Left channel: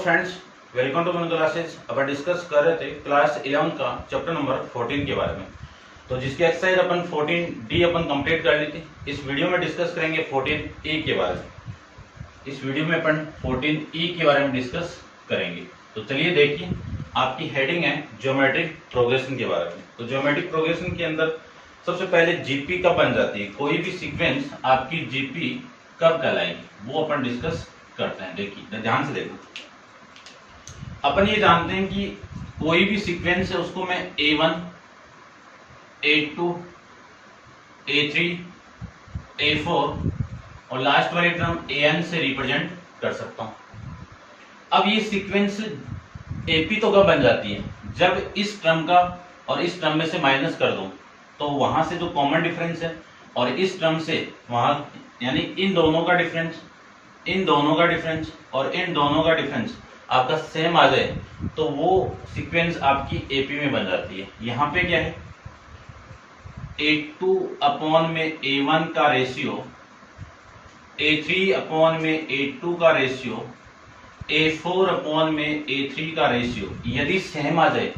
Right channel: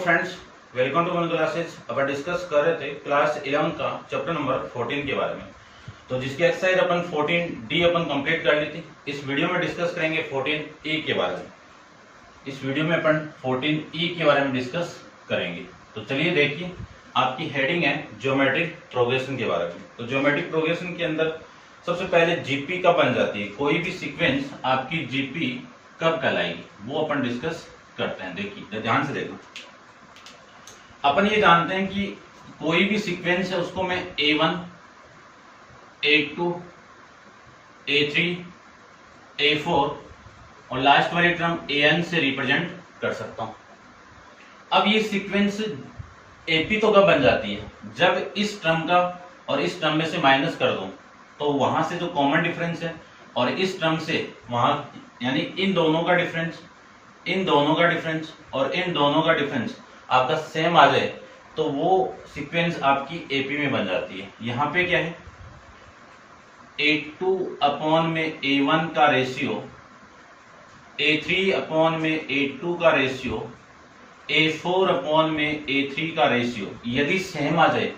Friends, welcome to one classes. अपन discuss कर रहे थे क्लास 11 का चैप्टर नंबर 14 के बारे में। तो जिसकी एक्सरसाइज अपन 14D अपन कंप्लीट कर ली थी। इस वीडियो में डिस्कस करेंगे 14E के बारे में। इस वीडियो में अपन 14E के बारे में डिस्कस करेंगे। तो चलिए देखिए, आपकी हेडिंग है ज्योमेट्रिक प्रोग्रेशन के बारे में। तो ज्योमेट्रिक प्रोग्रेशन के अंदर सबसे पहले जीपी कब बन जाती है, कोई भी सीक्वेंस आपकी जीपी कब कहलाएगी, वो अपन डिस्कस करते हैं। देखिए ध्यान से देखो, अपन ये जानते हैं कि कोई भी सीक्वेंस है उसको मैं A1, A2, A3, A4 और लास्ट वाली टर्म AN से रिप्रेजेंट कर सकता हूं। अब ये सीक्वेंस AP तो कब बन जाती है, जब इस टर्म का और इस टर्म में से माइनस कर दूं तो वहां से जो कॉमन डिफरेंस है और इस टर्म से वहां, यानी इन दोनों का डिफरेंस, इन दोनों का डिफरेंस और इन दोनों का डिफरेंस आपका सेम आ जाए तो वो सीक्वेंस आपकी AP में बन जाती है। यहां पे क्या है, A2 अपॉन में A1 का रेशियो, A3 अपॉन में A2 का रेशियो, A4 अपॉन में A3 का रेशियो यदि सेम आ जाए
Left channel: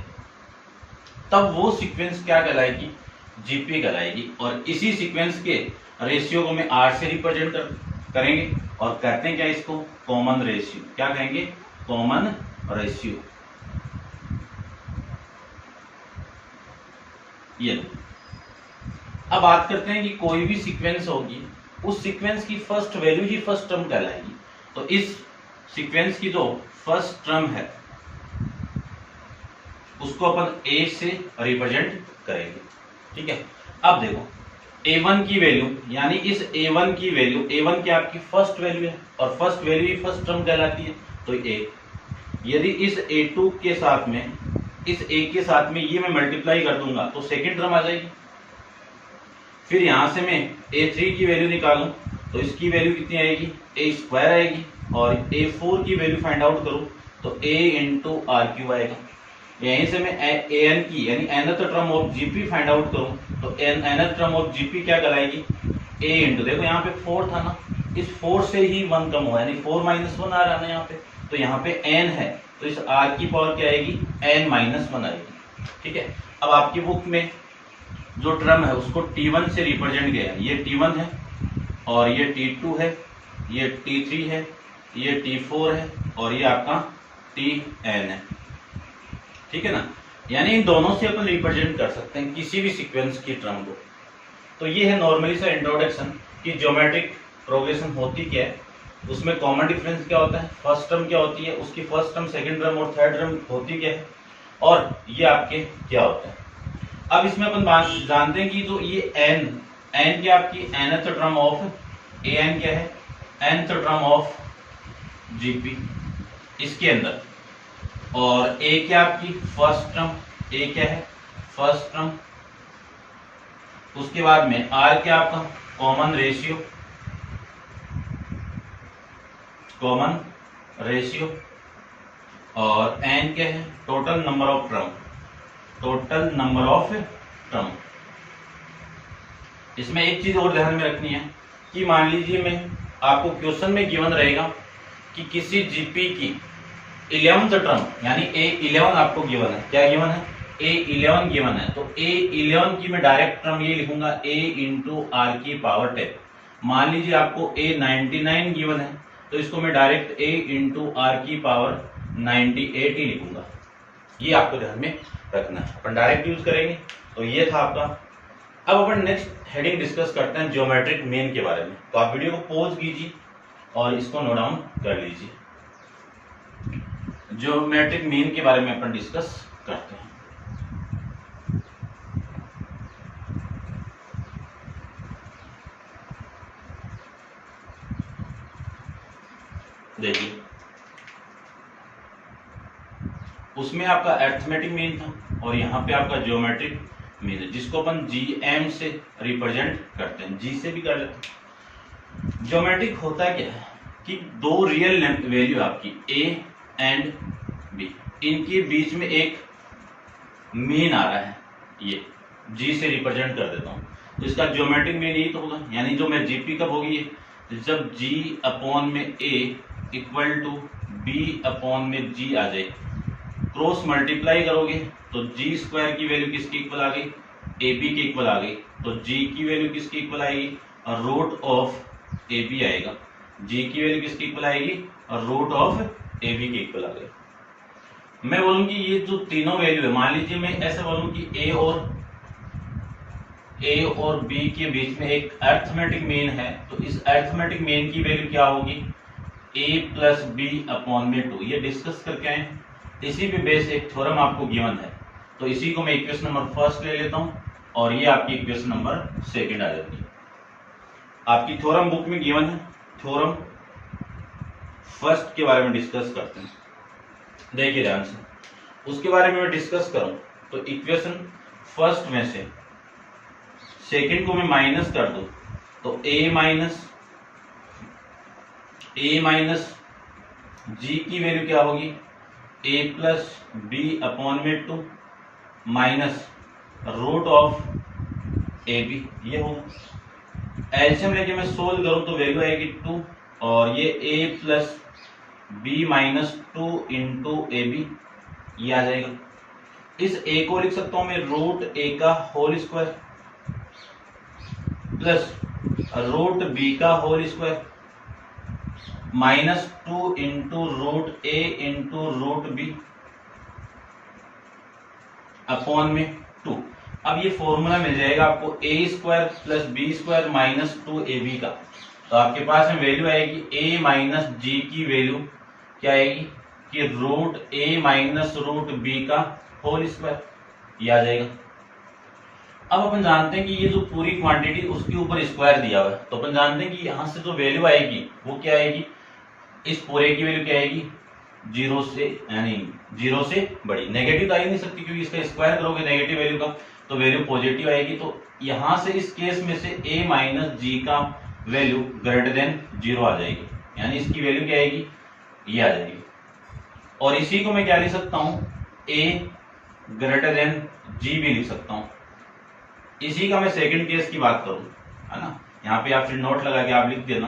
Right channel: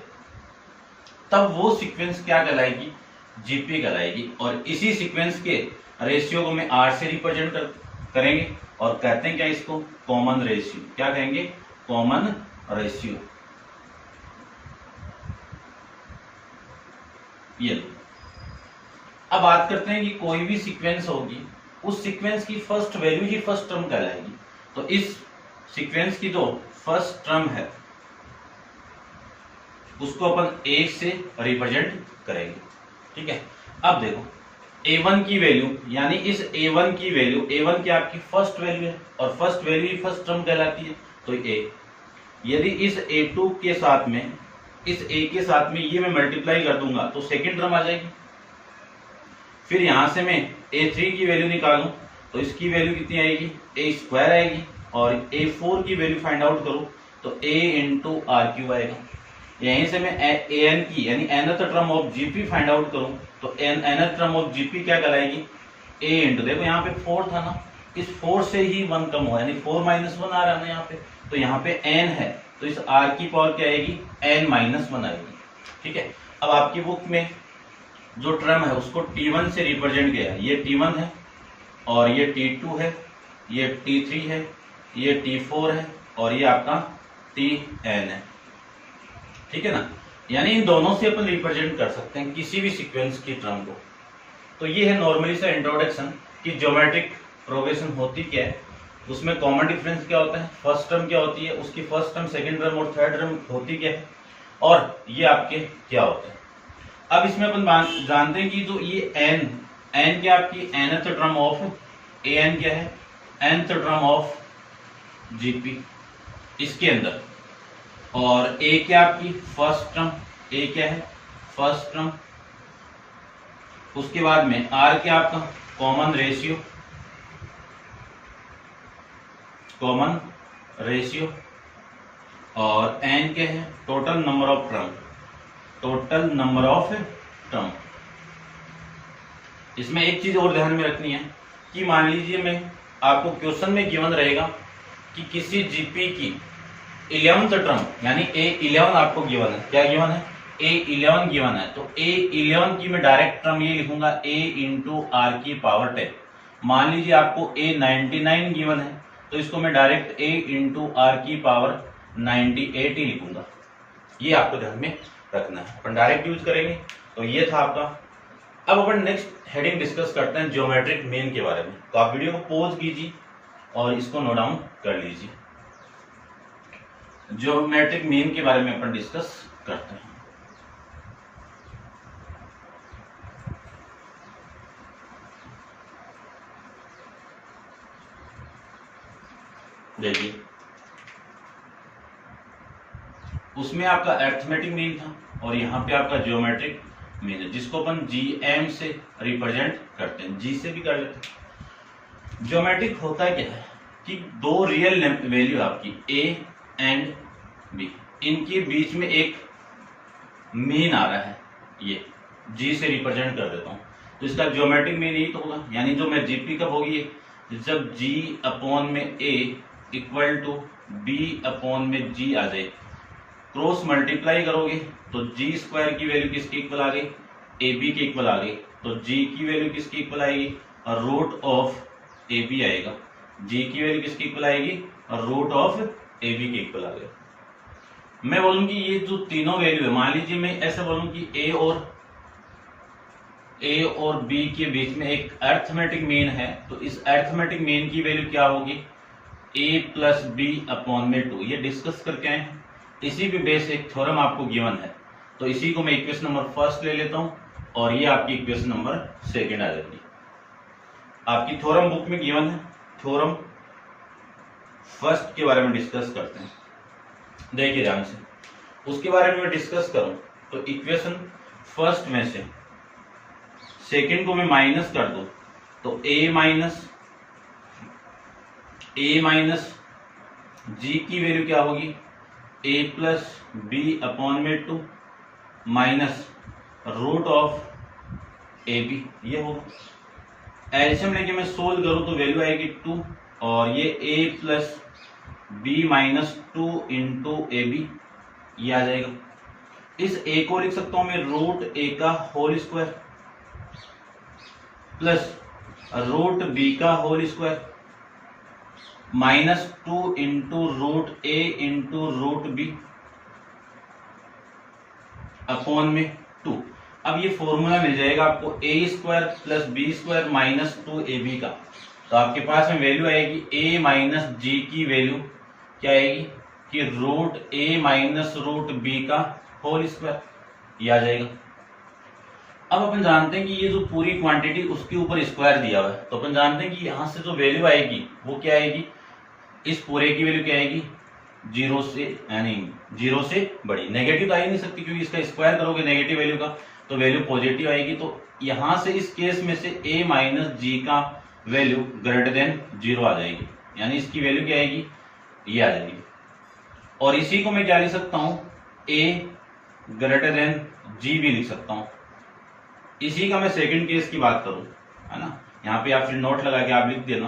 तब वो सीक्वेंस क्या कहलाएगी, जीपी कहलाएगी। और इसी सीक्वेंस के रेशियो को मैं R से रिप्रेजेंट करेंगे और कहते हैं क्या इसको, कॉमन रेशियो। क्या कहेंगे, कॉमन रेशियो। ये अब बात करते हैं कि कोई भी सीक्वेंस होगी, उस सीक्वेंस की फर्स्ट वैल्यू ही फर्स्ट टर्म कहलाएगी। तो इस सीक्वेंस की जो फर्स्ट टर्म है उसको अपन A से रिप्रेजेंट करेंगे, ठीक है। अब देखो A1 की वैल्यू, यानी इस A1 की वैल्यू, A1 की आपकी फर्स्ट वैल्यू है और फर्स्ट वैल्यू ही फर्स्ट टर्म कहलाती है। तो A, यदि इस A2 के साथ में, इस A के साथ में ये मैं मल्टीप्लाई कर दूंगा तो सेकंड टर्म आ जाएगी। फिर यहां से मैं A3 की वैल्यू निकालूं तो इसकी वैल्यू कितनी आएगी, A स्क्वायर आएगी। और A4 की वैल्यू फाइंड आउट करूं तो A इंटू R³ आएगा। यहीं से मैं AN की, यानी nth term of GP find out करूं तो nth टर्म ऑफ जीपी क्या कहलाएगी, A इंटू, देखो यहाँ पे 4 था ना, इस 4 से ही 1 कम हुआ, यानी 4 - 1 आ रहा है ना यहाँ पे। तो यहाँ पे n है तो इस R की पावर क्या आएगी, n - 1 आएगी, ठीक है। अब आपकी बुक में जो टर्म है उसको T1 से रिप्रेजेंट किया है। ये T1 है और ये T2 है, ये T3 है, ये T4 है और ये आपका Tn है, ठीक है ना। यानी इन दोनों से अपन रिप्रेजेंट कर सकते हैं किसी भी सीक्वेंस की टर्म को। तो ये है नॉर्मली सा इंट्रोडक्शन कि ज्योमेट्रिक प्रोग्रेशन होती क्या है, उसमें कॉमन डिफरेंस क्या होता है, फर्स्ट टर्म क्या होती है, उसकी फर्स्ट टर्म, सेकंड टर्म और थर्ड टर्म होती क्या है, और ये आपके क्या होता है। अब इसमें अपन जानते हैं कि जो ये n क्या आपकी nth टर्म ऑफ AN क्या है, nth टर्म ऑफ GP इसके अंदर, और A क्या आपकी फर्स्ट टर्म, A क्या है फर्स्ट टर्म। उसके बाद में R क्या आपका कॉमन रेशियो, कॉमन रेशियो, और N क्या है total number of term, total number of term. इसमें एक चीज और ध्यान में रखनी है कि मान लीजिए मैं आपको क्वेश्चन में गिवन रहेगा कि किसी जीपी की 11th टर्म, यानी A11 आपको गिवन है, क्या गिवन है, A11 गिवन है। तो A11 की मैं डायरेक्ट टर्म ये लिखूंगा A इंटू R की पावर 10। मान लीजिए आपको A99 गिवन है तो इसको मैं डायरेक्ट A इंटू R की पावर 98 ही लिखूंगा। ये आपको ध्यान में रखना है, अपन डायरेक्ट यूज करेंगे। तो ये था आपका। अब अपन नेक्स्ट हेडिंग डिस्कस करते हैं ज्योमेट्रिक मीन के बारे में। तो आप वीडियो को पॉज कीजिए और इसको नोट डाउन कर लीजिए। ज्योमेट्रिक मीन के बारे में अपन डिस्कस करते हैं। देखिए उसमें आपका अरिथमेटिक मीन था और यहाँ पे आपका ज्योमेट्रिक मीन है, जिसको अपन GM से रिप्रेजेंट करते हैं, G से भी कर लेते हैं। ज्योमेट्रिक होता है क्या है कि दो रियल वैल्यू आपकी A एंड B, इनके बीच में एक मीन आ रहा है, ये G से रिप्रेजेंट कर देता हूं। तो इसका ज्योमेट्रिक मीन यही तो होगा, यानी जो मैं GP कब होगी, जब G अपॉन में A equal to B upon में जी आ जाए। क्रॉस मल्टीप्लाई करोगे तो जी स्क्वायर की वैल्यू किसकी इक्वल आ गई, ए बी की इक्वल आ गई। तो जी की वैल्यू किसकी इक्वल आएगी, रूट ऑफ ए बी आएगा। जी की वैल्यू किसकी इक्वल आएगी, रूट ऑफ ए बी की इक्वल आ गई। मैं बोलूं कि ये जो तीनों वैल्यू है, मान लीजिए मैं ऐसा बोलूं कि ए और बी के बीच में एक अरिथमेटिक मीन है, तो इस अरिथमेटिक मीन की वैल्यू क्या होगी, ए प्लस बी अपॉन में 2। ये डिस्कस करके आए, इसी पे बेस एक थ्योरम आपको गिवन है, तो इसी को मैं इक्वेशन नंबर फर्स्ट ले लेता हूं और ये आपकी इक्वेशन नंबर सेकंड आ जाती है। आपकी थ्योरम बुक में गिवन है, थ्योरम फर्स्ट के बारे में डिस्कस करते हैं। देखिए ध्यान से, उसके बारे में डिस्कस करूं तो इक्वेशन फर्स्ट में से सेकंड को मैं माइनस कर दूं तो ए माइनस जी की वैल्यू क्या होगी, ए प्लस बी अपॉन में 2 minus root of A B, ये होगा। एलसीएम लेके मैं सोल्व करूं तो वैल्यू आएगी 2 और ये A plus B minus 2 into A B, ये आ जाएगा। इस ए को लिख सकता हूं मैं रूट ए का whole square plus root B का whole square minus 2 into root A into root B upon में 2। अब ये फॉर्मूला मिल जाएगा आपको A square plus B square minus 2 A B का। तो आपके पास में वैल्यू आएगी ए माइनस जी की वैल्यू क्या आएगी कि रूट ए माइनस रूट बी का होल स्क्वायर, ये आ जाएगा। अब अपन जानते हैं कि ये जो पूरी क्वांटिटी उसके ऊपर स्क्वायर दिया हुआ है, तो अपन जानते हैं कि यहां से जो वैल्यू आएगी वो क्या आएगी, इस पूरे की वैल्यू क्या आएगी, 0 से, यानी 0 से बड़ी। नेगेटिव तो आ ही नहीं सकती क्योंकि इसका स्क्वायर करोगे नेगेटिव वैल्यू का तो वैल्यू पॉजिटिव आएगी। तो यहां से इस केस में से a माइनस जी का वैल्यू ग्रेटर देन 0 आ जाएगी, यानी इसकी वैल्यू क्या आएगी, ये आ जाएगी। और इसी को मैं क्या लिख सकता हूं, a ग्रेटर देन g भी लिख सकता हूं। इसी का मैं सेकंड केस की बात करूं, है ना, यहाँ पे आप फिर नोट लगा के आप लिख देना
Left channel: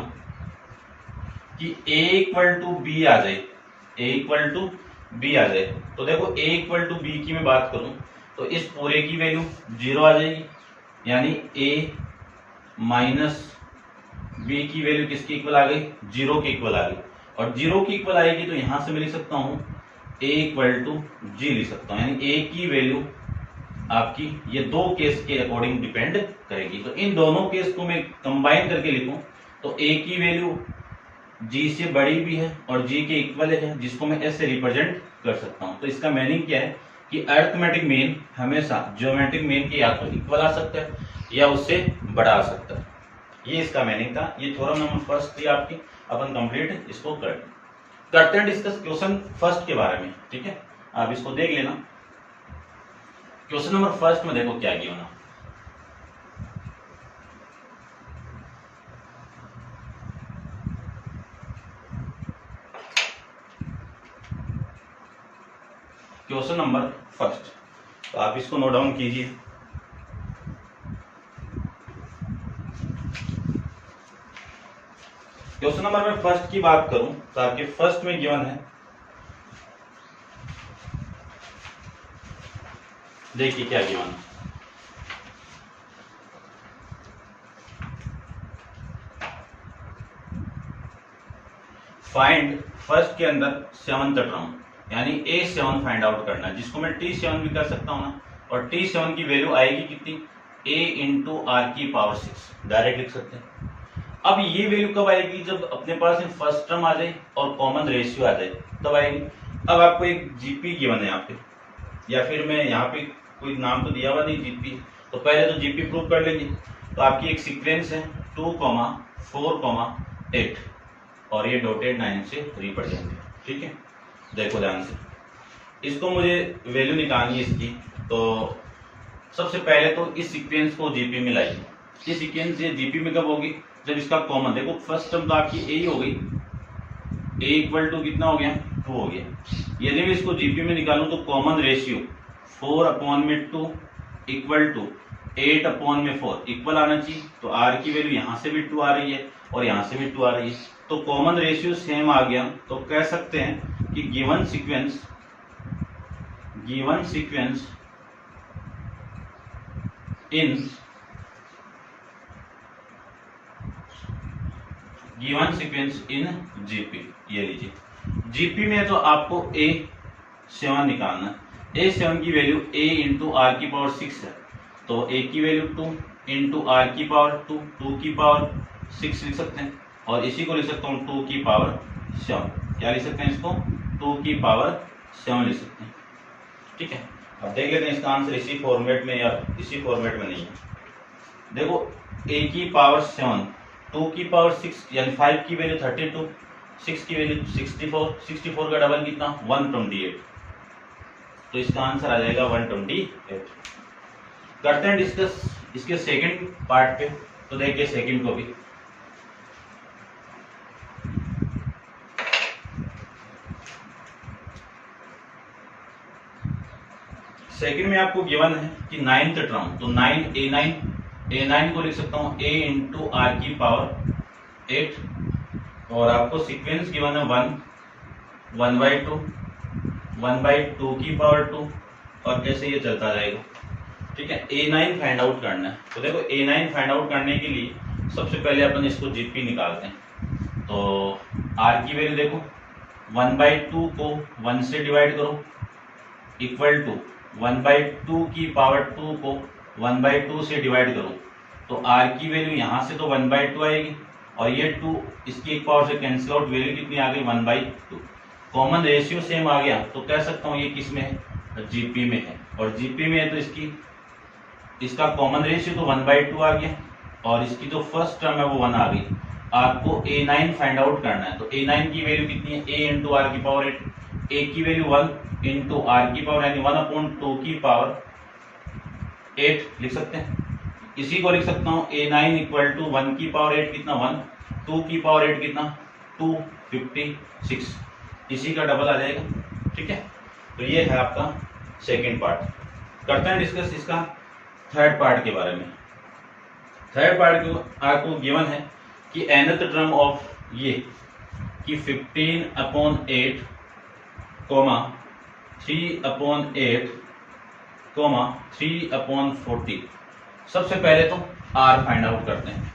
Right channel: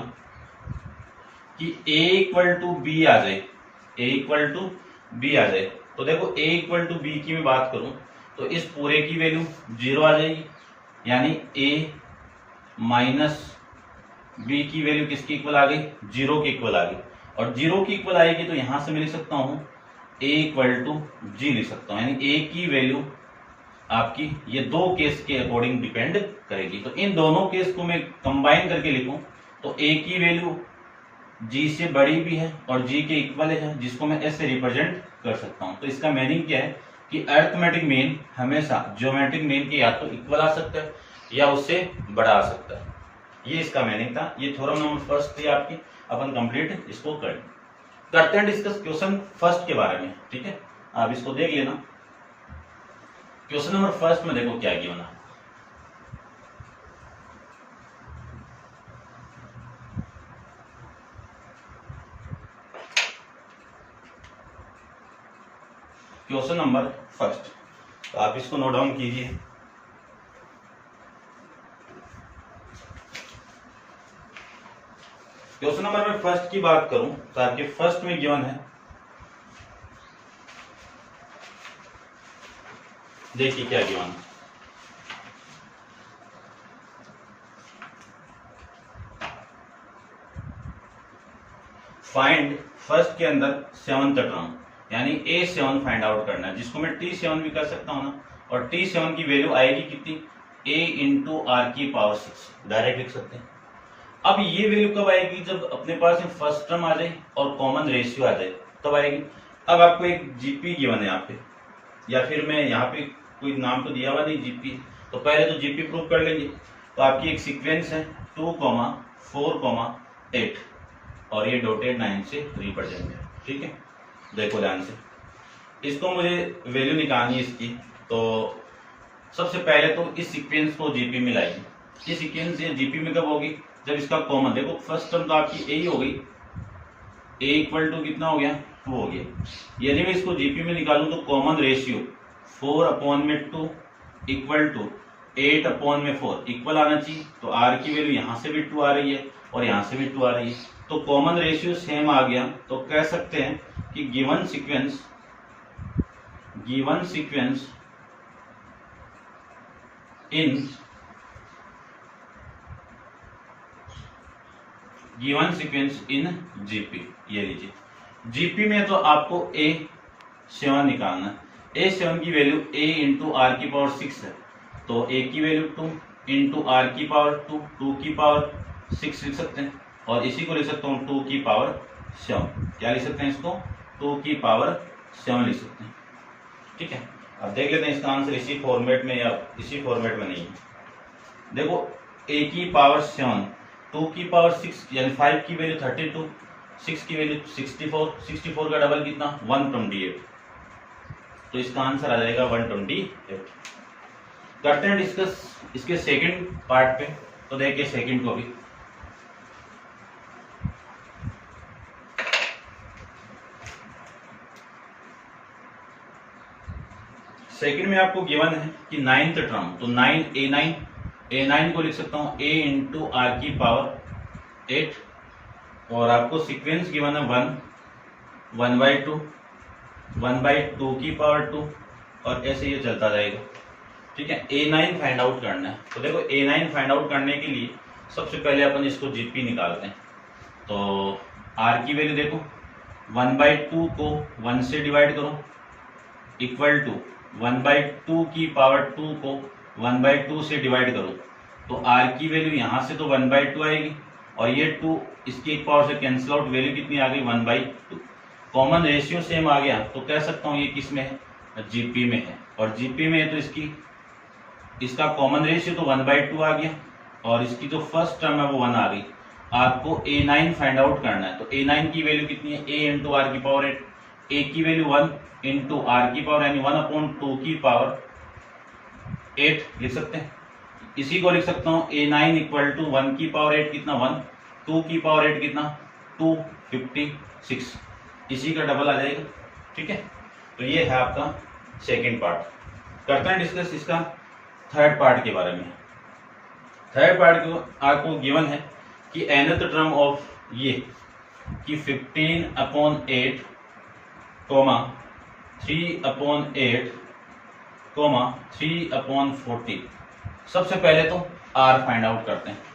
कि a इक्वल टू बी आ जाए, a इक्वल टू बी आ जाए। तो देखो a इक्वल टू बी की मैं बात करूं तो इस पूरे की वैल्यू 0 आ जाएगी, यानी a माइनस बी की वैल्यू किसकी इक्वल आ गई, 0 के इक्वल आ गई। और 0 की इक्वल आएगी तो यहां से मैं लिख सकता हूं a इक्वल टू जी लिख सकता हूं, यानी a की वैल्यू आपकी ये दो केस के अकॉर्डिंग डिपेंड करेगी। तो इन दोनों केस को मैं कंबाइन करके लिखूं तो a की वैल्यू g से बड़ी भी है और g के इक्वल है, जिसको मैं s से रिप्रेजेंट कर सकता हूं। तो इसका मीनिंग क्या है कि अरिथमेटिक मीन हमेशा ज्योमेट्रिक मीन के या तो इक्वल आ सकता है या उससे बड़ा आ सकता है। ये इसका मीनिंग था। ये थ्योरम नंबर फर्स्ट थी आपकी, अपन कंप्लीट इसको करते हैं डिस्कस क्वेश्चन फर्स्ट के बारे में, ठीक है। आप इसको देख लेना। क्वेश्चन नंबर फर्स्ट में देखो क्या किया ना, क्वेश्चन नंबर फर्स्ट, तो आप इसको नोट डाउन कीजिए। क्वेश्चन नंबर में फर्स्ट की बात करूं तो आपके फर्स्ट में गिवन है, देखिए क्या गिवन है। फाइंड फर्स्ट के अंदर 7th टर्म, यानी A7 फाइंड आउट करना है, जिसको मैं T7 भी कर सकता हूं ना। और T7 की वैल्यू आएगी कितनी, A इंटू आर की पावर 6, डायरेक्ट लिख सकते हैं। अब ये वैल्यू कब आएगी, जब अपने पास में फर्स्ट टर्म आ जाए और कॉमन रेशियो आ जाए तब आएगी। अब आपको एक जीपी गिवन है यहाँ पे, या फिर मैं यहाँ पे कोई नाम तो दिया हुआ नहीं जीपी, तो पहले तो जीपी प्रूव कर लेंगे। तो आपकी एक सीक्वेंस है 2, 4, 8 और ये डॉटेड 9 से रिप्रेजेंट है, ठीक है। देखो ध्यान से, इसको मुझे वैल्यू निकालनी है इसकी। तो सबसे पहले तो इस सीक्वेंस को जीपी में लाइए। ये सीक्वेंस ये जीपी में कब होगी, जब इसका कॉमन, देखो फर्स्ट टर्म तो आपकी ए हो गई, ए इक्वल टू कितना हो गया, 2 हो गया। यदि मैं इसको जीपी में निकालूं तो common ratio 4/2 equal to 8 upon में 4 इक्वल आना चाहिए। तो r की वैल्यू यहां से भी 2 आ रही है और यहां से भी 2 आ रही है, तो कॉमन रेशियो सेम आ गया। तो कह सकते हैं कि गिवन सीक्वेंस इन जीपी। ये लीजिए, जीपी में तो आपको A7 निकालना है। A7 की वैल्यू A इंटू आर की पावर 6 है, तो A की वैल्यू 2 इंटू आर की पावर 2 की पावर 6 लिख सकते हैं, और इसी को लिख सकता हूँ 2 की पावर 7। क्या लिख सकते हैं इसको? 2 की पावर 7 लिख सकते हैं। ठीक है, अब देख लेते हैं इसका आंसर इसी फॉर्मेट में या इसी फॉर्मेट में नहीं है। देखो, A की पावर 7, 2 की पावर 6 यानी 5 की वैल्यू 32, 6 की वैल्यू 64, 64 का डबल कितना? 128। तो इसका आंसर आ जाएगा 128। करते हैं डिस्कस इसके सेकंड पार्ट पे। तो देखिए सेकंड को भी, सेकंड में आपको गिवन है कि 9th टर्म, तो 9 A9 को लिख सकता हूं A इंटू आर की पावर 8, और आपको सीक्वेंस गिवन है 1/2, 1/2 की पावर 2, और ऐसे ये चलता जाएगा। ठीक है, A9 फाइंड आउट करना है। तो देखो A9 फाइंड आउट करने के लिए सबसे पहले अपन इसको जीपी निकालते हैं। तो R की वैल्यू देखो, 1/2 को 1 से डिवाइड करो इक्वल टू 1/2 की पावर 2 को 1/2 से डिवाइड करो, तो R की वैल्यू यहाँ से तो 1/2 आएगी, और ये 2 इसकी एक पावर से कैंसिल आउट, वैल्यू कितनी आ गई? 1/2। कॉमन रेशियो सेम आ गया, तो कह सकता हूँ ये किस में है? जीपी में है, और जीपी में है तो इसका कॉमन रेशियो तो 1/2 आ गया, और इसकी जो फर्स्ट टर्म है वो 1 आ गई। आपको A9 फाइंड आउट करना है, तो A9 की वैल्यू कितनी है? A इंटू आर की पावर 8, A की वैल्यू 1 इंटू आर की पावर यानी 1/2 की पावर 8 लिख सकते हैं। इसी को लिख सकता हूँ A9 इक्वल टू 1 की पावर 8 कितना? 1, 2 की पावर 8 कितना? 256, इसी का डबल आ जाएगा। ठीक है, तो ये है आपका सेकेंड पार्ट। करते हैं डिस्कस इसका थर्ड पार्ट के बारे में। थर्ड पार्ट को आपको गिवन है कि nth टर्म ऑफ ये कि 15/8 कोमा 3/8 कोमा 3/40। सबसे पहले तो r फाइंड आउट करते हैं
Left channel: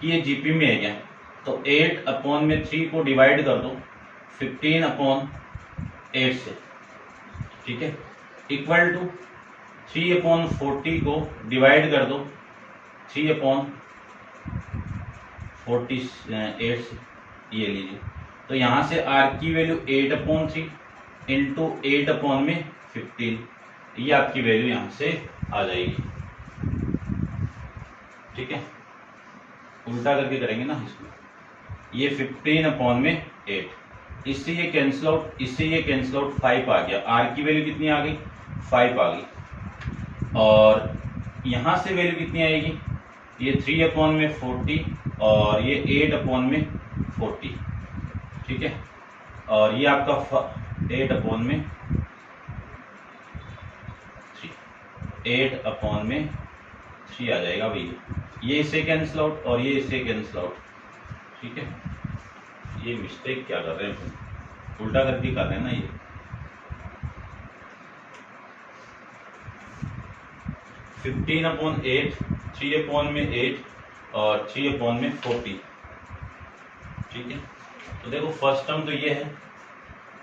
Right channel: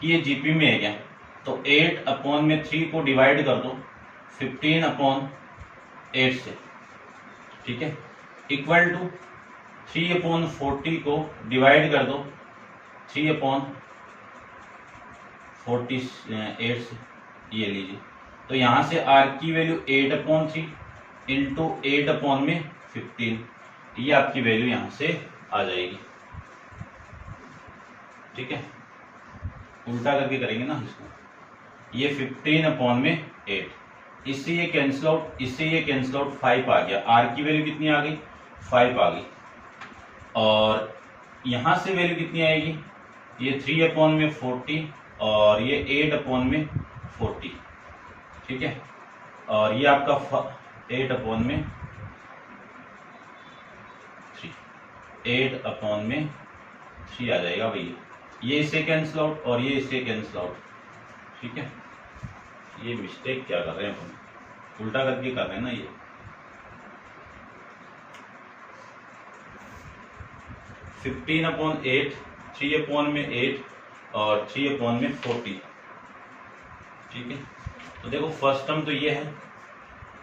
कि ये जीपी में है क्या। तो 8/3 को डिवाइड कर दो 15/8 से, ठीक है, इक्वल टू 3/40 को डिवाइड कर दो 3/48 से। ये लीजिए, तो यहां से r की वैल्यू 8/3 इंटू 8/15, ये आपकी वैल्यू यहां से आ जाएगी। ठीक है, उल्टा करके करेंगे ना इसको। ये 15/8, इससे ये कैंसिल आउट, इससे ये कैंसिल आउट, 5 आ गया। r की वैल्यू कितनी आ गई? 5 आ गई, और यहां से वैल्यु कितनी आएगी? ये 3/40 और ये 8/40। ठीक है, और ये आपका 8/3 आ जाएगा भैया। ये इससे कैंसिल आउट और ये इससे कैंसिल आउट। ठीक है, ये मिस्टेक क्या कर रहे हैं, उल्टा करके कर रहे हैं ना। ये 15/8, 3/8 और 3/40। ठीक है, तो देखो फर्स्ट टर्म तो ये है,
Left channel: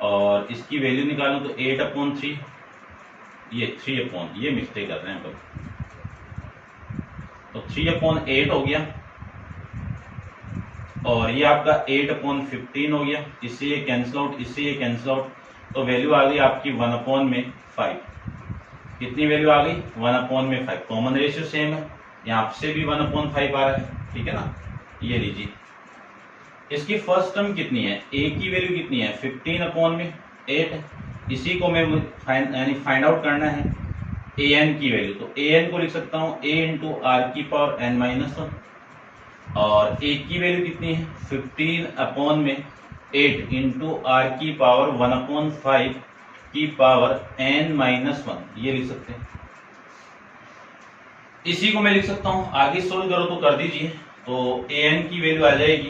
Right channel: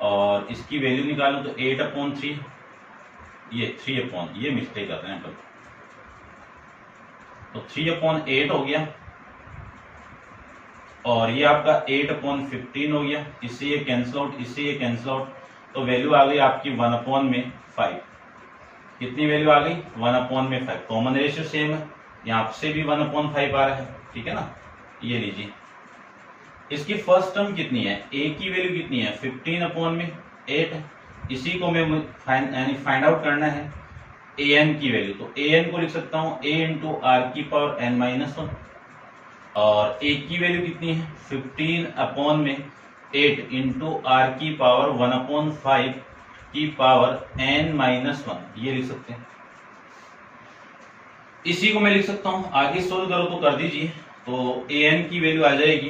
और इसकी वैल्यू निकालूं तो 8/3, ये 3/, ये मिस्टेक कर रहे हैं अपन। तो 3/8 हो गया, और ये आपका 8/15 हो गया। इससे ये कैंसिल आउट, इससे ये कैंसिल आउट, तो वैल्यू आ गई आपकी 1/5। कितनी वैल्यू आ गई? 1/5। कॉमन रेशियो सेम है, यहाँ से भी 1/5 आ रहा है। ठीक है ना, ये लीजिए, इसकी फर्स्ट टर्म कितनी है? a की वैल्यू कितनी है? 15/8 है। इसी को मैं फाइंड आउट करना है an की वैल्यू। तो an को लिख सकता हूँ a इंटू आर की पावर n-1, और a की वैल्यू कितनी है? 15/8 इंटू आर की पावर 1/5 की पावर n-1, ये लिख सकते हैं। इसी को मैं लिख सकता हूं, आगे सोल्व करो तो कर दीजिए। तो an की वैल्यू आ जाएगी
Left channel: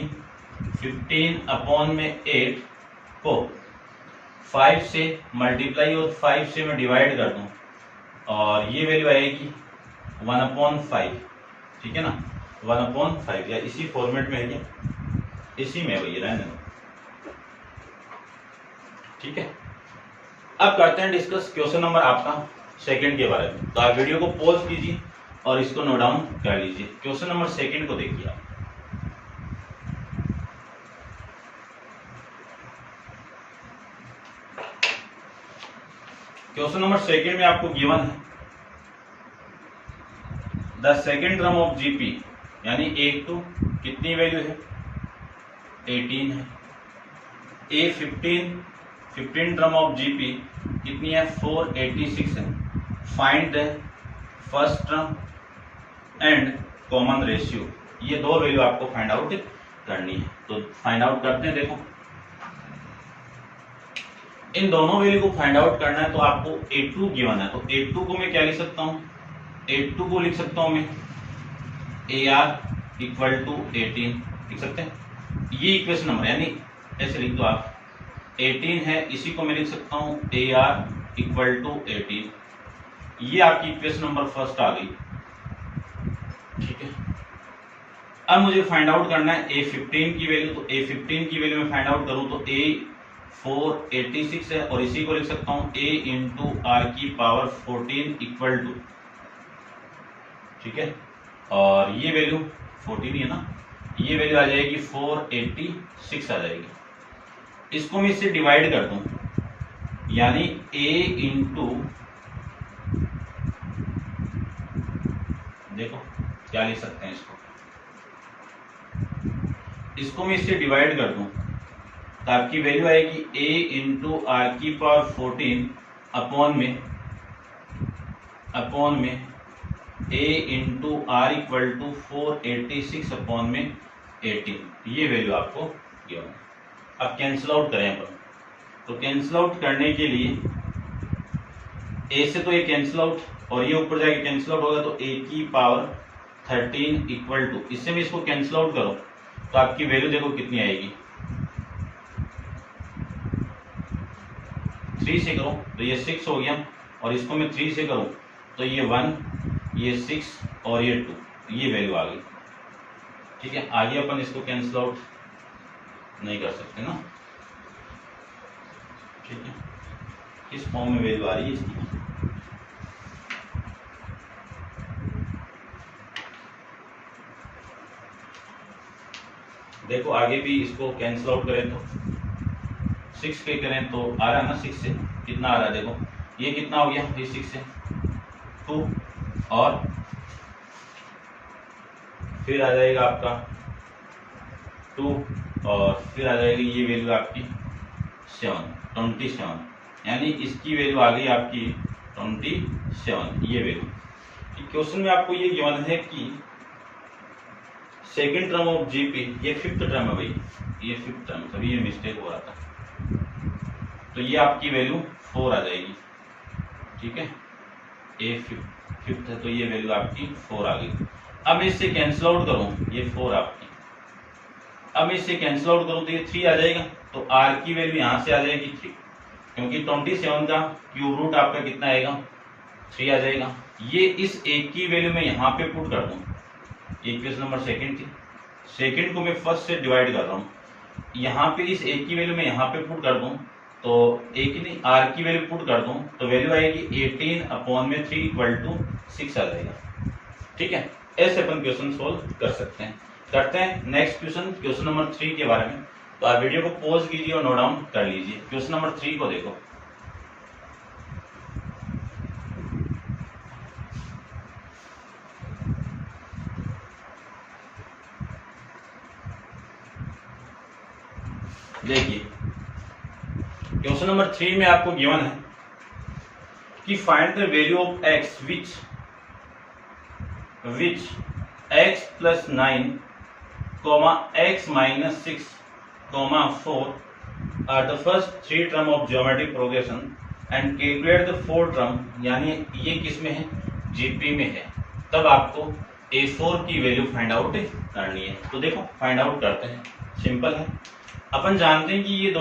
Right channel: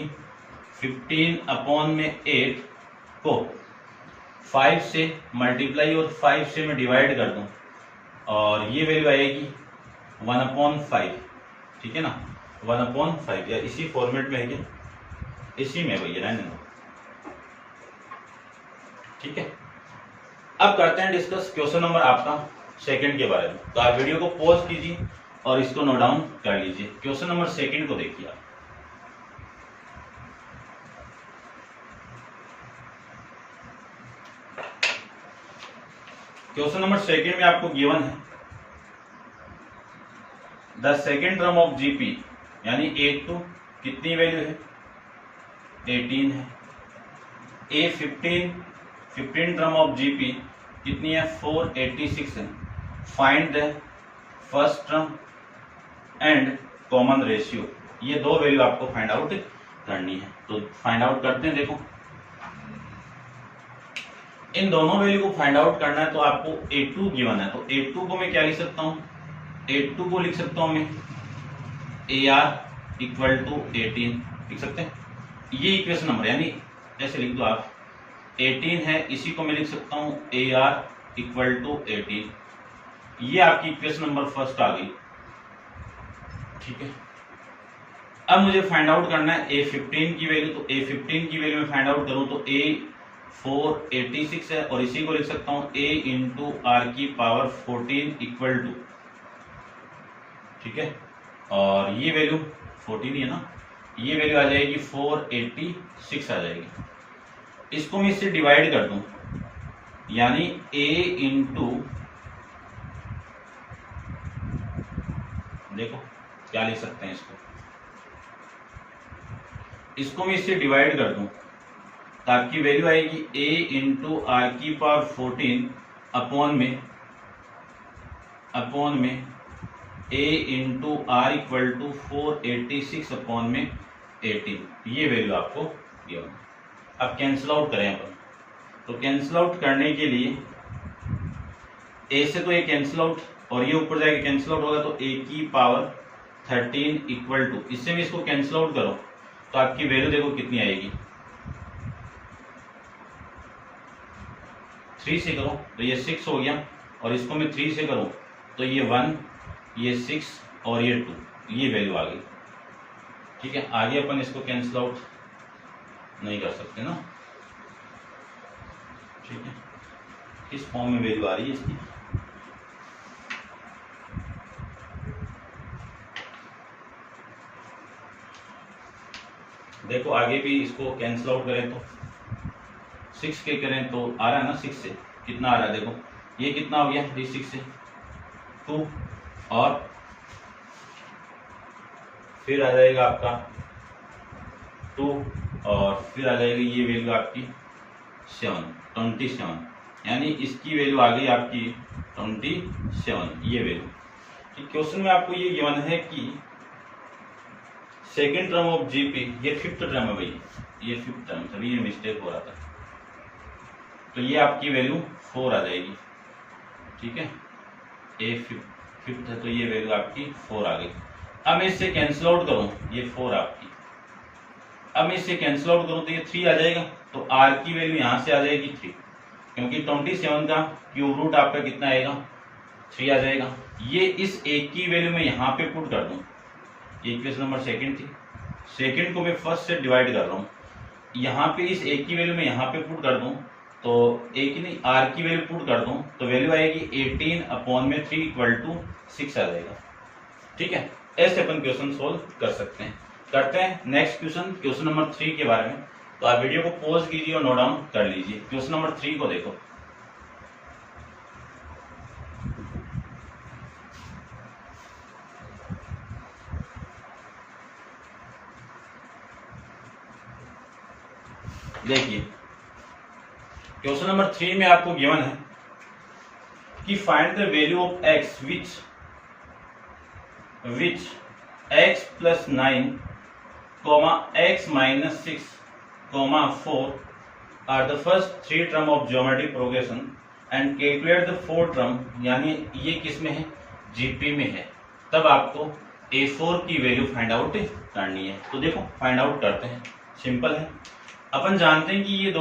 15/8 को 5 से मल्टीप्लाई और 5 से मैं डिवाइड कर दूं, और ये वैल्यू आएगी 1/5, ठीक है ना, 1/5, या इसी फॉर्मेट में है क्या, इसी में वही रहने दो, ठीक है। अब करते हैं डिस्कस क्वेश्चन नंबर आपका सेकंड के बारे में। तो आप वीडियो को पॉज कीजिए और इसको नोट डाउन कर लीजिए। क्वेश्चन नंबर सेकंड को देखिए आप। क्वेश्चन नंबर सेकंड में आपको गिवन है the second term of GP, यानी A2 कितनी वैल्यू है, 18 है। A15 टर्म ऑफ जीपी कितनी है, 486 है। Find the first term and common ratio, ये दो वैल्यू आपको फाइंड आउट करनी है। तो फाइंड आउट करते हैं। देखो इन दोनों वैल्यू को फाइंड आउट करना है, तो आपको A2 गिवन है, तो A2 को मैं क्या लिख सकता हूं, A2 को लिख सकता हूं मैं AR इक्वल टू 18 लिख सकते हैं। ये इक्वेशन नंबर, यानी ऐसे लिख दो आप, 18 है, इसी को मैं लिख सकता हूं AR इक्वल टू 18। ये आपकी इक्वेशन नंबर फर्स्ट आ गई, ठीक है। अब मुझे फाइंड आउट करना है A15 की वैल्यू, तो A15 की वैल्यू में फाइंड आउट करूं तो A486 है, और इसी को लिख सकता हूं A इंटू आर की पावर 14 इक्वल टू, ठीक है, और ये वैल्यू 14 ही है ना, ये वैल्यू आ जाएगी 486 आ जाएगी। इसको मैं इससे डिवाइड कर दूं, यानी A इंटू, देखो क्या लिख सकते हैं इसको मैं इससे डिवाइड कर दूं, तो आपकी वैल्यू आएगी A इंटू आर की पावर 14 अपॉन में A into R equal to 486 upon में 18। ये वैल्यू आपको गिवन है। अब कैंसिल आउट करें अपन, तो कैंसिल आउट करने के लिए A से तो ये कैंसिल आउट, और ये ऊपर जाके कैंसिल आउट होगा, तो A की पावर 13 इक्वल टू, इससे भी इसको कैंसिल आउट करो तो आपकी वैल्यू देखो कितनी आएगी, 3 से करो तो ये 6 हो गया, और इसको मैं 3 से करूं तो ये 1, ये 6 और ये 2, ये वैल्यू आ गई, ठीक है। आगे अपन इसको कैंसिल आउट नहीं कर सकते ना, ठीक है। किस फॉर्म में वैल्यू आ रही है इसकी, देखो आगे भी इसको कैंसिल आउट करें तो 6 के करें तो आ रहा है ना, 6 से कितना आ रहा है, देखो ये कितना हो गया, ये 6 से 2, और फिर आ जाएगा आपका 2, और फिर आ जाएगी ये वैल्यू आपकी 27, यानी इसकी वैल्यू आ गई आपकी 27, ये वैल्यू। क्वेश्चन में आपको ये गिवन है कि सेकेंड टर्म ऑफ जीपी, ये फिफ्थ टर्म है भाई, ये फिफ्थ टर्म, तभी ये मिस्टेक हो रहा था, तो ये आपकी वैल्यू 4 आ जाएगी, ठीक है। ए फिफ्थ है तो ये वैल्यू आपकी 4 आ गई। अब मैं इससे कैंसिल आउट करूं, ये 4 आपकी, अब मैं इससे कैंसिल आउट करूं तो ये 3 आ जाएगा, तो आर की वैल्यू यहां से आ जाएगी 3, क्योंकि 27 का क्यूब रूट आपका कितना आएगा, 3 आ जाएगा। ये इस एक की वैल्यू में यहाँ पे पुट कर दूं, इक्वेशन नंबर सेकंड थी, सेकंड को मैं फर्स्ट से डिवाइड कर रहा हूँ, यहाँ पे इस एक की वैल्यू में यहाँ पे पुट कर दूं, तो एक ही नहीं आर की वैल्यू पुट कर दूं तो वैल्यू आएगी 18 अपॉन में 3 इक्वल टू 6 आ जाएगा, ठीक है। ऐसे अपन क्वेश्चन सोल्व कर सकते हैं। करते हैं नेक्स्ट क्वेश्चन, क्वेश्चन नंबर 3 के बारे में। तो आप वीडियो को पॉज कीजिए और नोट डाउन कर लीजिए। क्वेश्चन नंबर 3 को देखो, देखिए क्वेश्चन नंबर 3 में आपको गिवन है कि find the value of x which x plus 9 x minus 6 4 are the first 3 term of geometric progression and calculate the 4th term, यानी ये किस में है, जीपी में है, तब आपको A4 की वैल्यू फाइंड आउट करनी है। तो देखो फाइंड आउट करते हैं, सिंपल है। अपन जानते हैं कि ये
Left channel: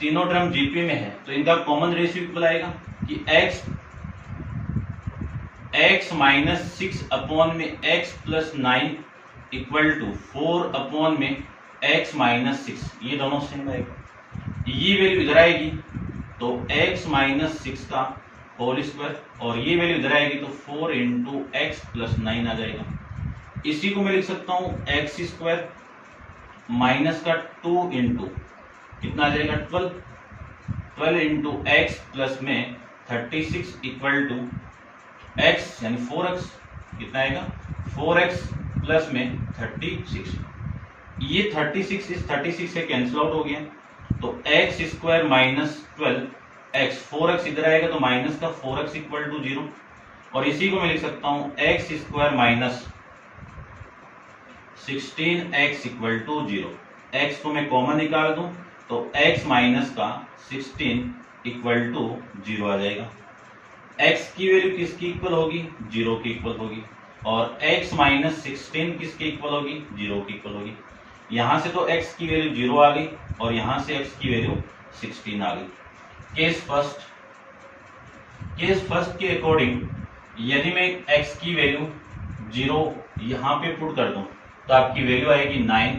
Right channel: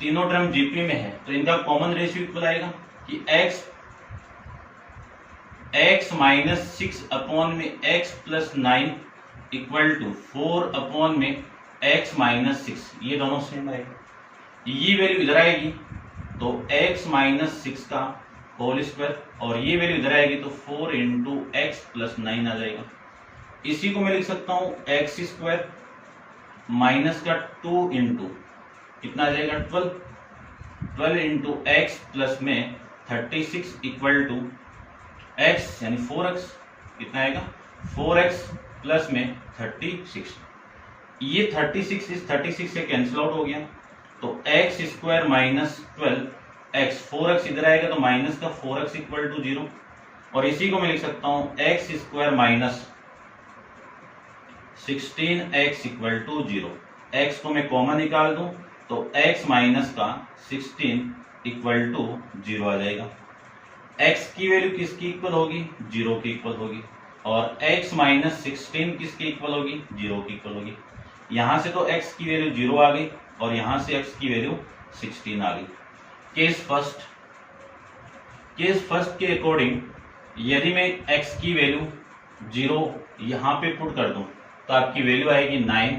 तीनों टर्म जीपी में है, तो इनका कॉमन रेशियो इक्वल आएगा कि x माइनस 6 अपॉन में x plus 9 equal to 4 upon में x माइनस 6, ये दोनों सेम आएगा। ये वैल्यू इधर आएगी तो x माइनस 6 का होल स्क्वायर, और ये वैल्यू इधर आएगी तो 4 इंटू एक्स प्लस 9 आ जाएगा। इसी को मैं लिख सकता हूं एक्स स्क्वायर माइनस का 2 इंटू कितना आ जाएगा 12 इंटू एक्स प्लस में 36 इक्वल टू एक्स यानी 4x, कितना आएगा 4x प्लस में 36। ये 36 इस 36 से कैंसिल आउट हो गया, तो x square minus 12x, 4x इधर आएगा तो माइनस का 4x इक्वल टू 0, और इसी को मैं लिख सकता हूं x square minus 16x equal to 0। x को मैं कॉमन निकाल दूं तो x माइनस का 16 इक्वल टू 0 आ जाएगा। x की वैल्यू किसकी इक्वल होगी 0 की इक्वल होगी, और x माइनस 16 किसकी इक्वल होगी 0 की इक्वल होगी। यहां से तो x की वैल्यू 0 आ गई और यहां से x की वैल्यू 16 आ गई। केस फर्स्ट के अकॉर्डिंग यदि मैं x की वैल्यू 0 यहां पे पुट कर दूं तो आपकी वैल्यू आएगी 9,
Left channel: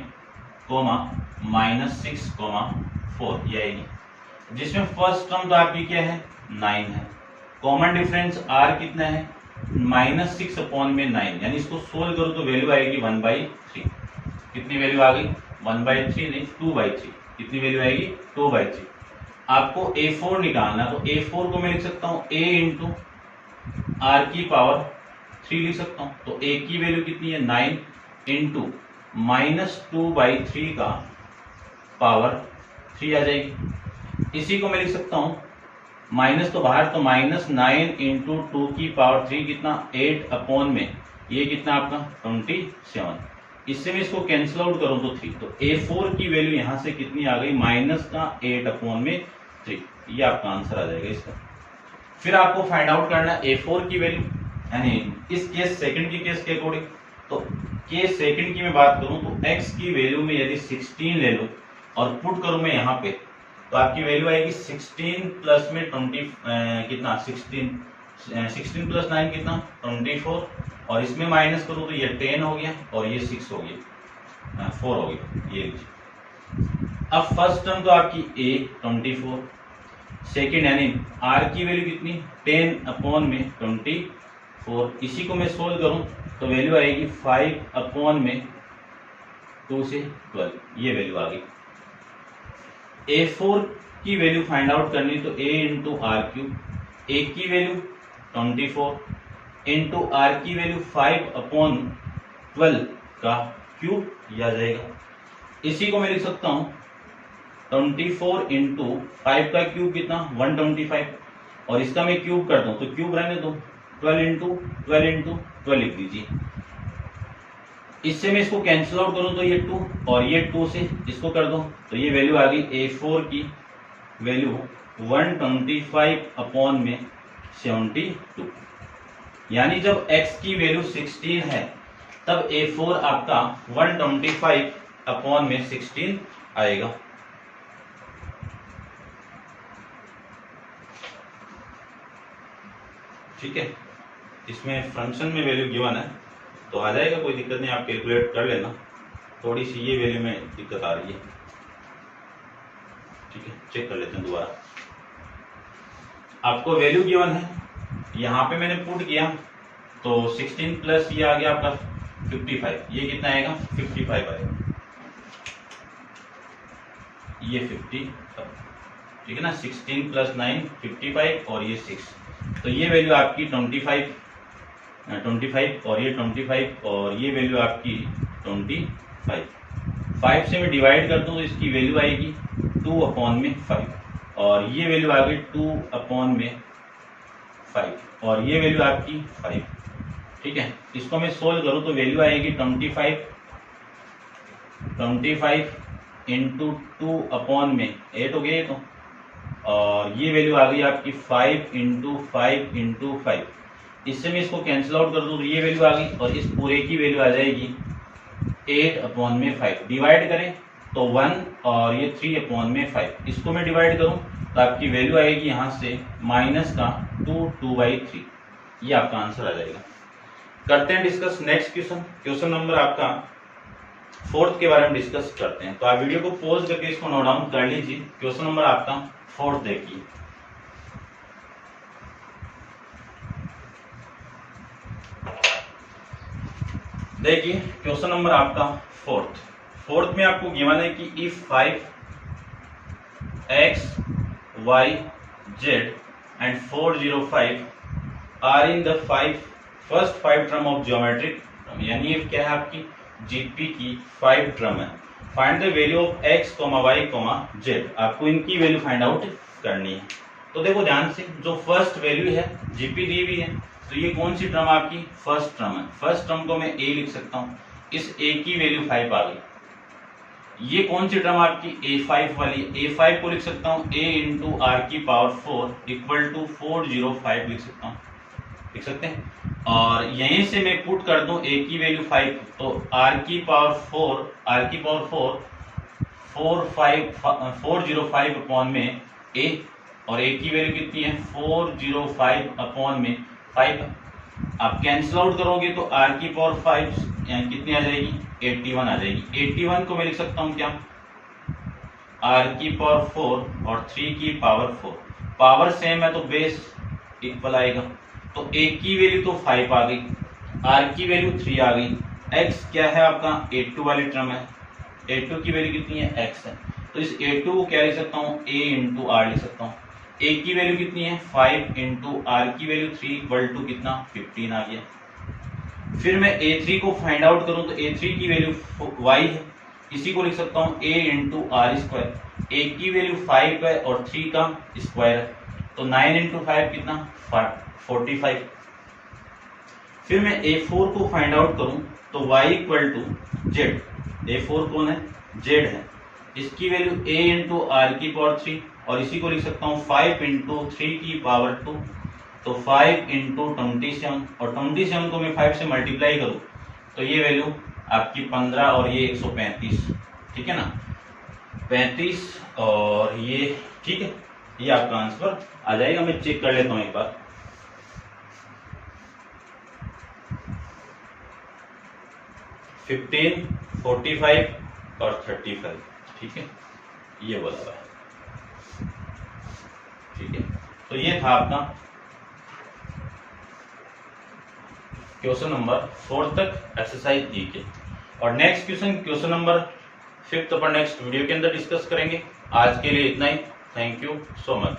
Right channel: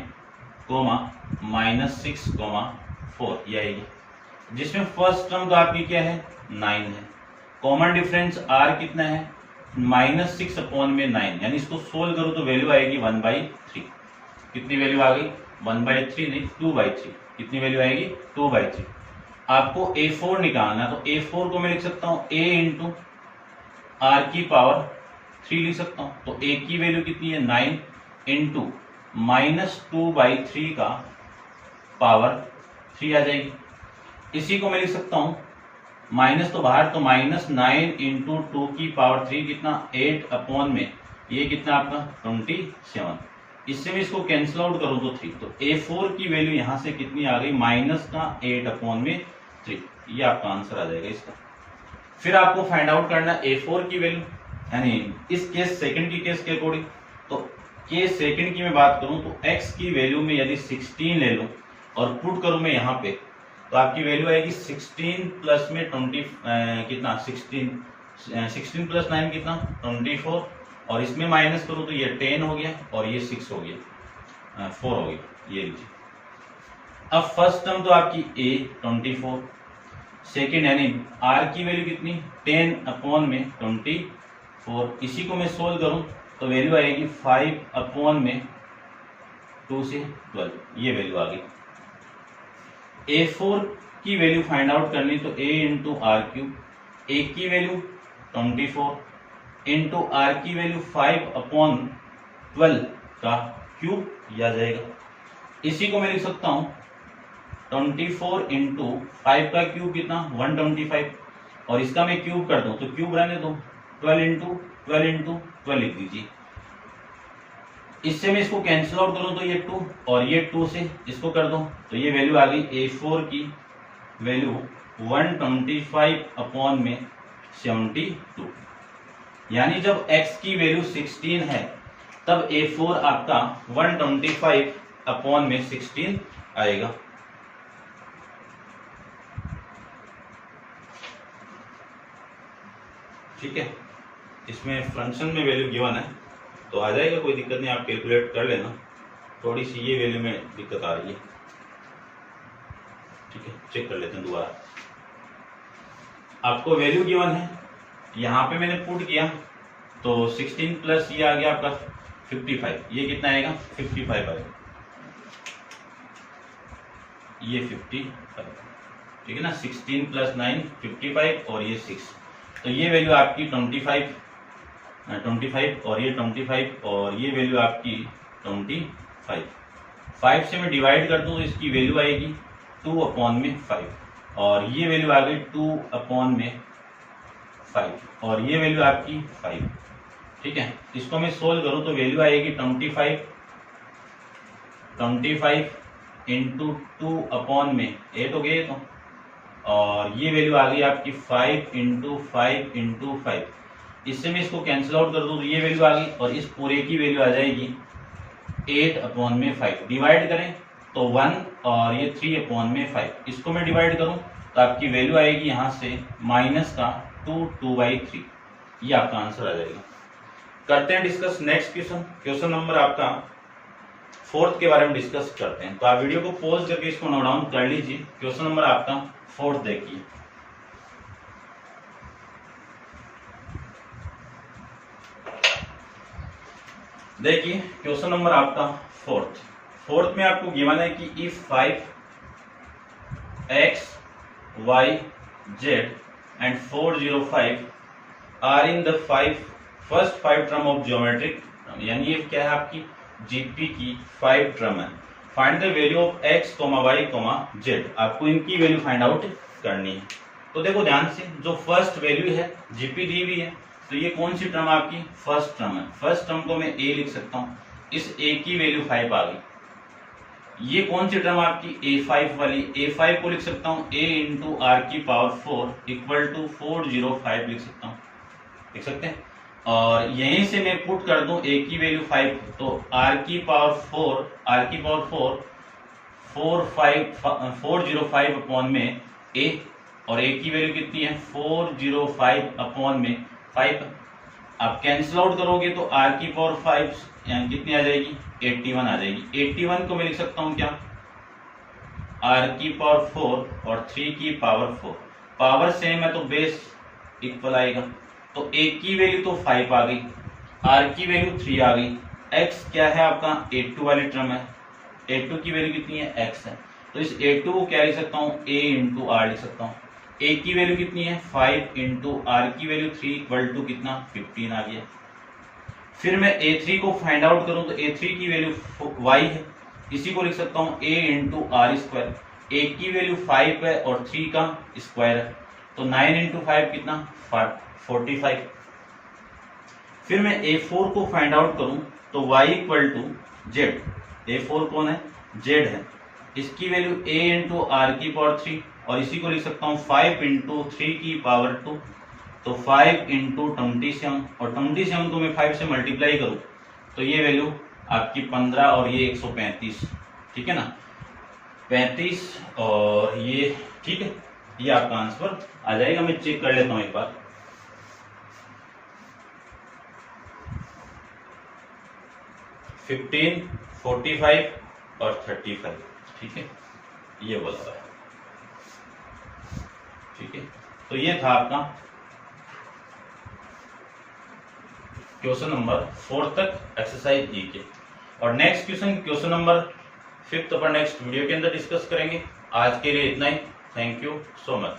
माइनस 6, 4 ये आएगी, जिसमें फर्स्ट टर्म तो आपकी क्या है 9 है। कॉमन डिफरेंस r कितना है माइनस 6 अपॉन में 9, यानी इसको सोल्व करो तो वैल्यू आएगी 1/3। कितनी वैल्यू आ गई 1/3 नहीं 2/3। कितनी वैल्यू आएगी 2/3। आपको A4 निकालना, तो A4 को मैं लिख सकता हूं a इंटू आर की पावर 3 लिख सकता हूं। तो a की वैल्यू कितनी है 9 इंटू माइनस 2/3 का पावर 3 आ जाएगी। इसी को मैं लिख सकता हूं माइनस तो बाहर, तो माइनस 9 इंटू 2 की पावर 3 कितना 8 अपॉन में ये कितना आपका 27। इससे मैं इसको कैंसिल आउट करूं तो 3, तो A4 की वैल्यू यहां से कितनी आ गई माइनस का 8 अपॉन में 3, ये आपका आंसर आ जाएगा इसका। फिर आपको फाइंड आउट करना A4 की वैल्यू, यानी इस केस सेकंड की केस के अकॉर्डिंग। तो केस सेकंड की मैं बात करूं तो x की वैल्यू में यदि 16 ले लूं और पुट करूं मैं यहाँ पे, तो आपकी वैल्यू आएगी 16 प्लस में 20 कितना 16 प्लस 9 कितना 24, और इसमें माइनस करूं तो ये 10 हो गया और ये 6 हो गया 4 हो गया, ये लीजिए। अब फर्स्ट टर्म तो आपकी a 24, सेकेंड यानी r की वैल्यू कितनी 10 अपॉन में 24, इसी को मैं सोल्व करूं तो वैल्यू आएगी 5 अपॉन में 2 से 12, ये वैल्यू आ गई। A4 की वैल्यू फाइंड आउट करनी तो a into R cube, a की वैल्यू 24 इंटू आर की वैल्यू 5 अपॉन 12 का क्यूब, यह आ जाएगा। इसी को मैं लिख सकता हूं 24 इंटू 5 का क्यूब कितना 125, और इसका मैं क्यूब कर दूं तो क्यूब रहने दो 12 इंटू 12 लिख दीजिए। इससे मैं इसको कैंसिल आउट करूं तो ये 2 और ये 2 से इसको कर दो तो ये वैल्यू आ गई A4 की वैल्यू 125 अपॉन में 72, यानी जब x की वैल्यू 16 है तब A4 आपका 125 अपॉन में 16 आएगा। ठीक है, इसमें फंक्शन में वैल्यू गिवन है तो आ जाएगा, कोई दिक्कत नहीं, आप कैलकुलेट कर लेना। थोड़ी सी ये वैल्यू में दिक्कत आ रही है, ठीक है, चेक कर लेते हैं दोबारा। आपको वैल्यू गिवन है, यहाँ पे मैंने पुट किया तो 16 प्लस ये आ गया आपका 55, ये कितना आएगा 55 आएगा, ये 55, ठीक है ना। 16 प्लस 9 55 और ये 6, तो ये वैल्यू आपकी 25 और ये 25 और ये वैल्यू आपकी 25। 5 से मैं डिवाइड कर दूं तो इसकी वैल्यू आएगी 2 अपॉन में 5, और ये वैल्यू आ गई 2 अपॉन में 5 और ये वैल्यू आपकी 5। ठीक है, इसको मैं सोल्व करूं तो वैल्यू आएगी 25 इंटू 2 अपॉन में 8 हो गया तो, और ये वैल्यू आ गई आपकी 5 इंटू 5 इंटू 5, इससे मैं इसको कैंसिल आउट कर दूं तो ये वैल्यू आ गई और इस पूरे की वैल्यू आ जाएगी 8/5। डिवाइड करें तो 1 और ये 3/5। इसको मैं डिवाइड करूं तो आपकी वैल्यू आएगी यहाँ से माइनस का 2/3। ये आपका आंसर आ जाएगा। करते हैं discuss next question. Question number आपका 4th के बारे में डिस्कस करते हैं। तो आप वीडियो को पॉज करके इसको नोट डाउन कर लीजिए। क्वेश्चन नंबर आपका 4th देखिए। देखिए क्वेश्चन नंबर आपका 4th में आपको गिवन है कि if 5x y z and 405 are in the first 5 term of geometric, यानी ये क्या है आपकी जीपी की 5 टर्म है। Find the value of x, y, z। आपको इनकी वैल्यू फाइंड आउट करनी है। तो देखो ध्यान से, जो फर्स्ट वैल्यू है जीपी दी हुई है, तो ये कौन सी टर्म आपकी फर्स्ट टर्म है। फर्स्ट टर्म को मैं a लिख सकता हूँ, इस a की वैल्यू 5 आ गई। ये कौन सी टर्म आपकी a5 वाली, a5 को लिख सकता हूँ a इंटू आर की पावर 4 इक्वल टू 405 लिख सकता हूँ, लिख सकते हैं। और यहीं से मैं पुट कर दूं a की वैल्यू 5, तो r की पावर 405 अपॉन में a, और a की वैल्यू कितनी है 405 अपॉन में 5। आप कैंसिल आउट करोगे तो r की पावर 5 यानी कितनी आ जाएगी 81 आ जाएगी। 81 को मैं लिख सकता हूँ क्या r की पावर 4 और 3 की पावर 4। पावर सेम है तो बेस इक्वल आएगा। तो a की वैल्यू तो 5 आ गई, r की वैल्यू 3 आ गई, x क्या है आपका a2 वाली टर्म है, a2 की वैल्यू कितनी है x है। तो इस a2 को क्या लिख सकता हूँ a इंटू आर लिख सकता हूँ। a की वैल्यू कितनी है 5 इंटू आर की वैल्यू 3 इक्वल टू कितना 15 आ गया। फिर मैं a3 को फाइंड आउट करूं तो a3 की वैल्यू y है, इसी को लिख सकता हूं a into R square. a की वैल्यू 5 है और 3 का स्क्वायर है, तो 9 इंटू 5 कितना 45। फिर मैं a4 को फाइंड आउट करूं तो y equal to z। a4 कौन है z है, इसकी वैल्यू a इंटू आर की पावर 3 और इसी को लिख सकता हूँ 5 इंटू 3 की पावर 2, तो 5 इंटू 27, और 27 को मैं 5 से मल्टीप्लाई करूँ तो ये वैल्यू आपकी 15 और ये 135, ठीक है ना 35 और ये, ठीक है। ये आपका आंसर आ जाएगा। मैं चेक कर लेता हूँ एक बार। $15, $45 और 35, ठीक है, ये बोला हुआ है, ठीक है। तो ये था आपका क्वेश्चन नंबर 4 तक एक्सरसाइज ई के। और नेक्स्ट क्वेश्चन नंबर 5 अपन नेक्स्ट वीडियो के अंदर डिस्कस करेंगे। आज के लिए इतना ही। Thank you so much.